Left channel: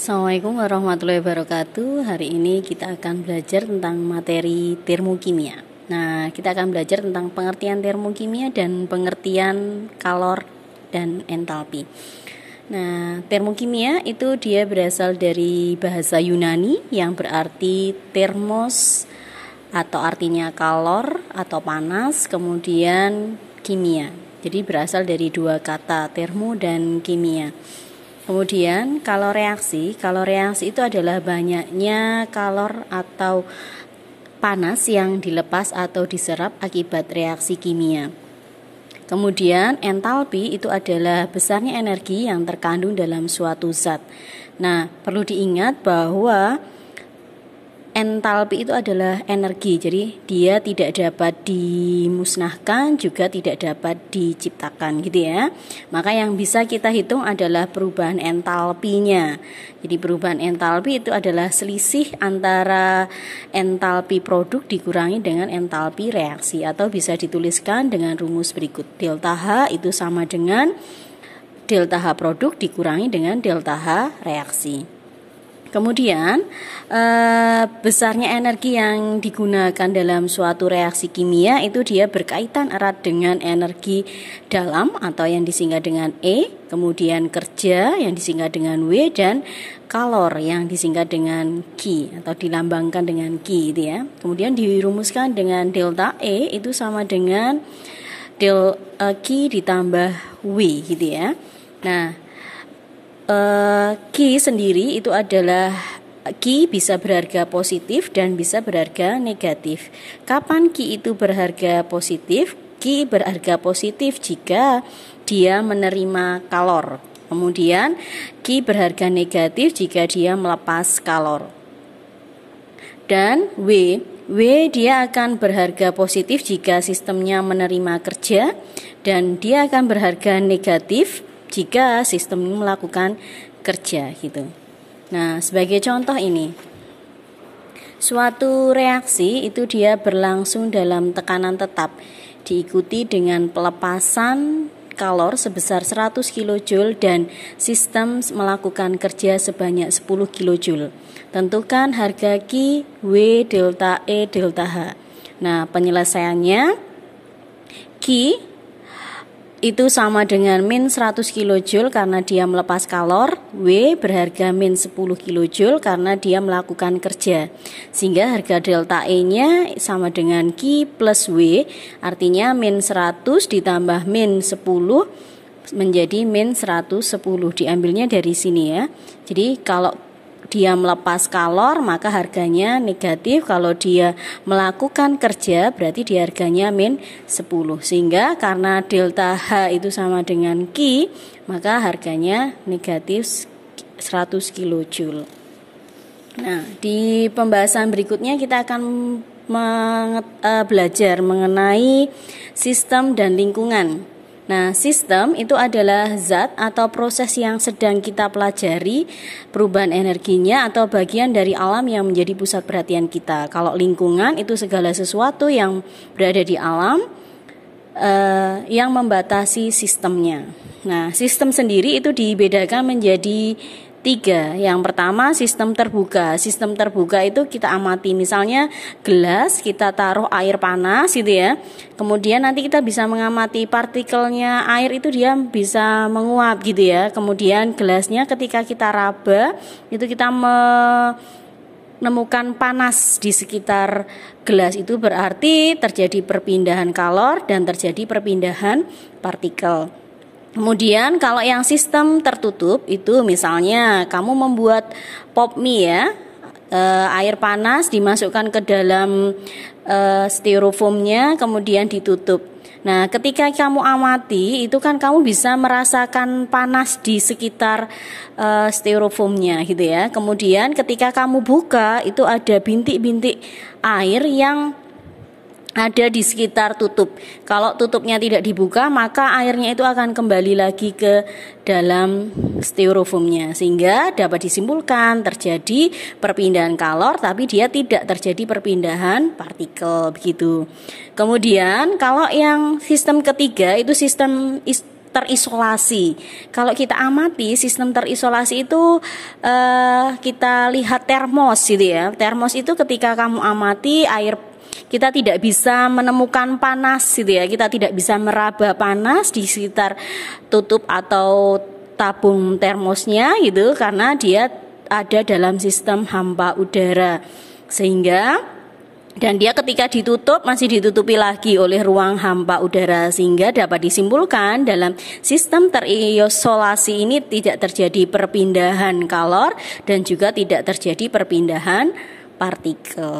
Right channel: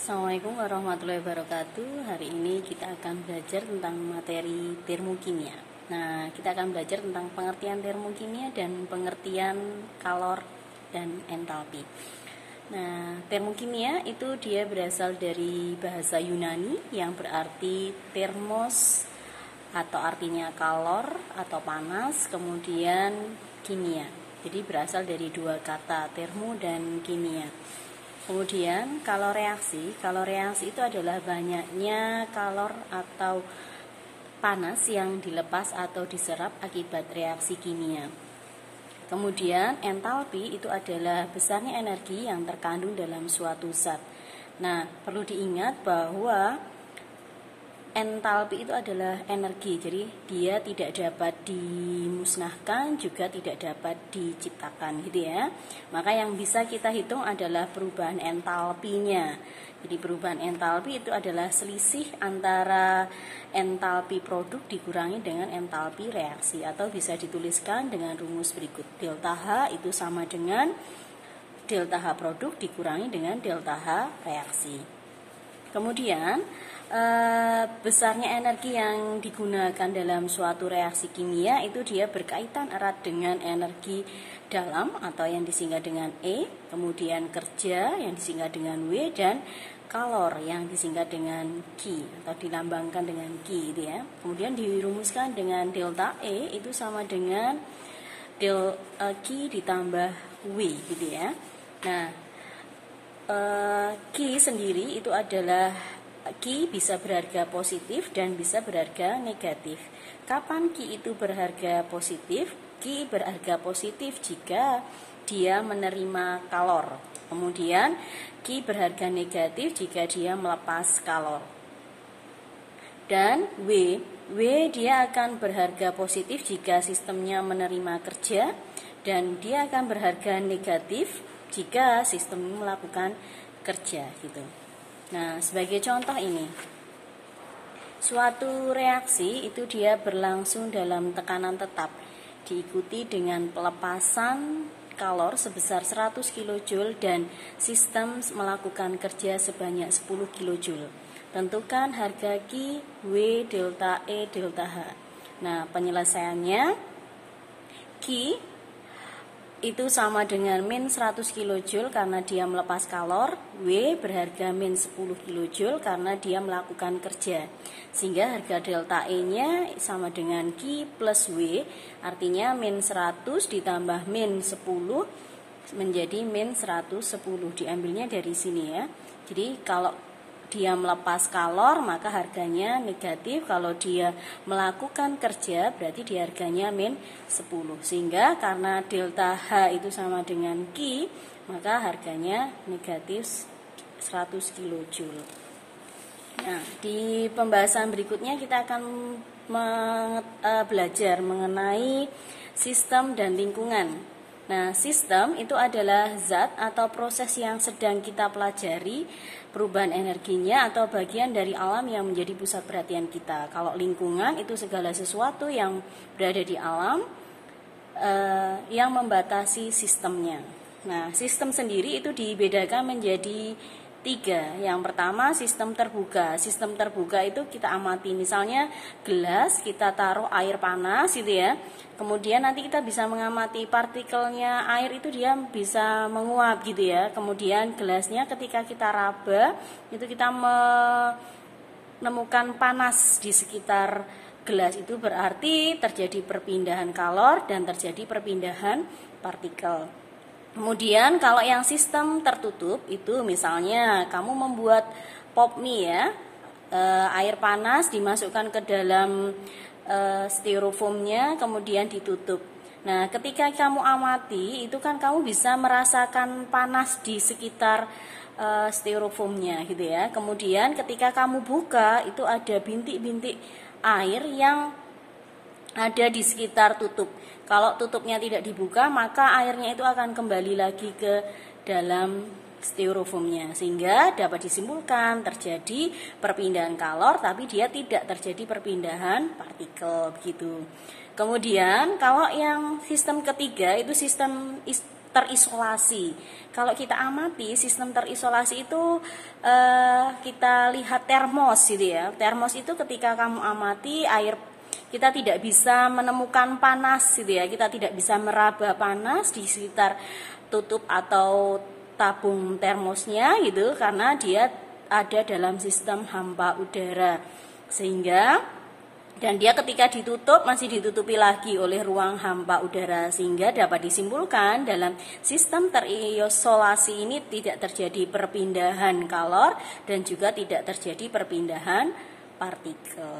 Assalamualaikum warahmatullahi wabarakatuh. Hari ini kita akan belajar tentang materi termokimia. Nah, kita akan belajar tentang pengertian termokimia dan pengertian kalor dan entalpi. Nah, termokimia itu dia berasal dari bahasa Yunani yang berarti termos atau artinya kalor atau panas, kemudian kimia. Jadi berasal dari dua kata termo dan kimia. Kemudian kalor reaksi itu adalah banyaknya kalor atau panas yang dilepas atau diserap akibat reaksi kimia. Kemudian entalpi itu adalah besarnya energi yang terkandung dalam suatu zat. Nah, perlu diingat bahwa entalpi itu adalah energi, jadi dia tidak dapat dimusnahkan, juga tidak dapat diciptakan gitu ya. Maka yang bisa kita hitung adalah perubahan entalpinya. Jadi perubahan entalpi itu adalah selisih antara entalpi produk dikurangi dengan entalpi reaksi, atau bisa dituliskan dengan rumus berikut. Delta H itu sama dengan delta H produk dikurangi dengan delta H reaksi. Kemudian besarnya energi yang digunakan dalam suatu reaksi kimia itu dia berkaitan erat dengan energi dalam atau yang disingkat dengan E, kemudian kerja yang disingkat dengan W, dan kalor yang disingkat dengan Q atau dilambangkan dengan Q gitu ya. Kemudian dirumuskan dengan delta E itu sama dengan Q ditambah W gitu ya. Nah, Q sendiri itu adalah Q bisa berharga positif dan bisa berharga negatif. Kapan Q itu berharga positif? Q berharga positif jika dia menerima kalor. Kemudian Q berharga negatif jika dia melepas kalor. Dan W dia akan berharga positif jika sistemnya menerima kerja, dan dia akan berharga negatif jika sistem melakukan kerja gitu. Nah, sebagai contoh ini, suatu reaksi itu dia berlangsung dalam tekanan tetap, diikuti dengan pelepasan kalor sebesar 100 kJ dan sistem melakukan kerja sebanyak 10 kJ. Tentukan harga Q, W, delta E, delta H. Nah, penyelesaiannya Q itu sama dengan min 100 kJ karena dia melepas kalor, W berharga min 10 kJ karena dia melakukan kerja. Sehingga harga delta E-nya sama dengan Q plus W, artinya min 100 ditambah min 10 menjadi min 110. Diambilnya dari sini ya. Jadi kalau dia melepas kalor maka harganya negatif, kalau dia melakukan kerja berarti dia harganya min 10. Sehingga karena delta H itu sama dengan Q, maka harganya negatif 100 kJ. Nah, di pembahasan berikutnya kita akan belajar mengenai sistem dan lingkungan. Nah, sistem itu adalah zat atau proses yang sedang kita pelajari perubahan energinya atau bagian dari alam yang menjadi pusat perhatian kita. Kalau lingkungan itu segala sesuatu yang berada di alam yang membatasi sistemnya. Nah, sistem sendiri itu dibedakan menjadi 3. Yang pertama sistem terbuka. Sistem terbuka itu kita amati, misalnya gelas kita taruh air panas gitu ya. Kemudian nanti kita bisa mengamati partikelnya air itu dia bisa menguap gitu ya. Kemudian gelasnya ketika kita raba itu kita menemukan panas di sekitar gelas, itu berarti terjadi perpindahan kalor dan terjadi perpindahan partikel. Kemudian kalau yang sistem tertutup itu misalnya kamu membuat pop mie ya, air panas dimasukkan ke dalam styrofoamnya kemudian ditutup. Nah, ketika kamu amati itu kan kamu bisa merasakan panas di sekitar styrofoamnya gitu ya. Kemudian ketika kamu buka itu ada bintik-bintik air yang ada di sekitar tutup. Kalau tutupnya tidak dibuka maka airnya itu akan kembali lagi ke dalam styrofoamnya, sehingga dapat disimpulkan terjadi perpindahan kalor tapi dia tidak terjadi perpindahan partikel begitu. Kemudian kalau yang sistem ketiga itu sistem terisolasi. Kalau kita amati sistem terisolasi itu kita lihat termos gitu ya. Termos itu ketika kamu amati air, kita tidak bisa menemukan panas gitu ya. Kita tidak bisa meraba panas di sekitar tutup atau tabung termosnya gitu, karena dia ada dalam sistem hampa udara. Sehingga dan dia ketika ditutup masih ditutupi lagi oleh ruang hampa udara, sehingga dapat disimpulkan dalam sistem terisolasi ini tidak terjadi perpindahan kalor dan juga tidak terjadi perpindahan partikel.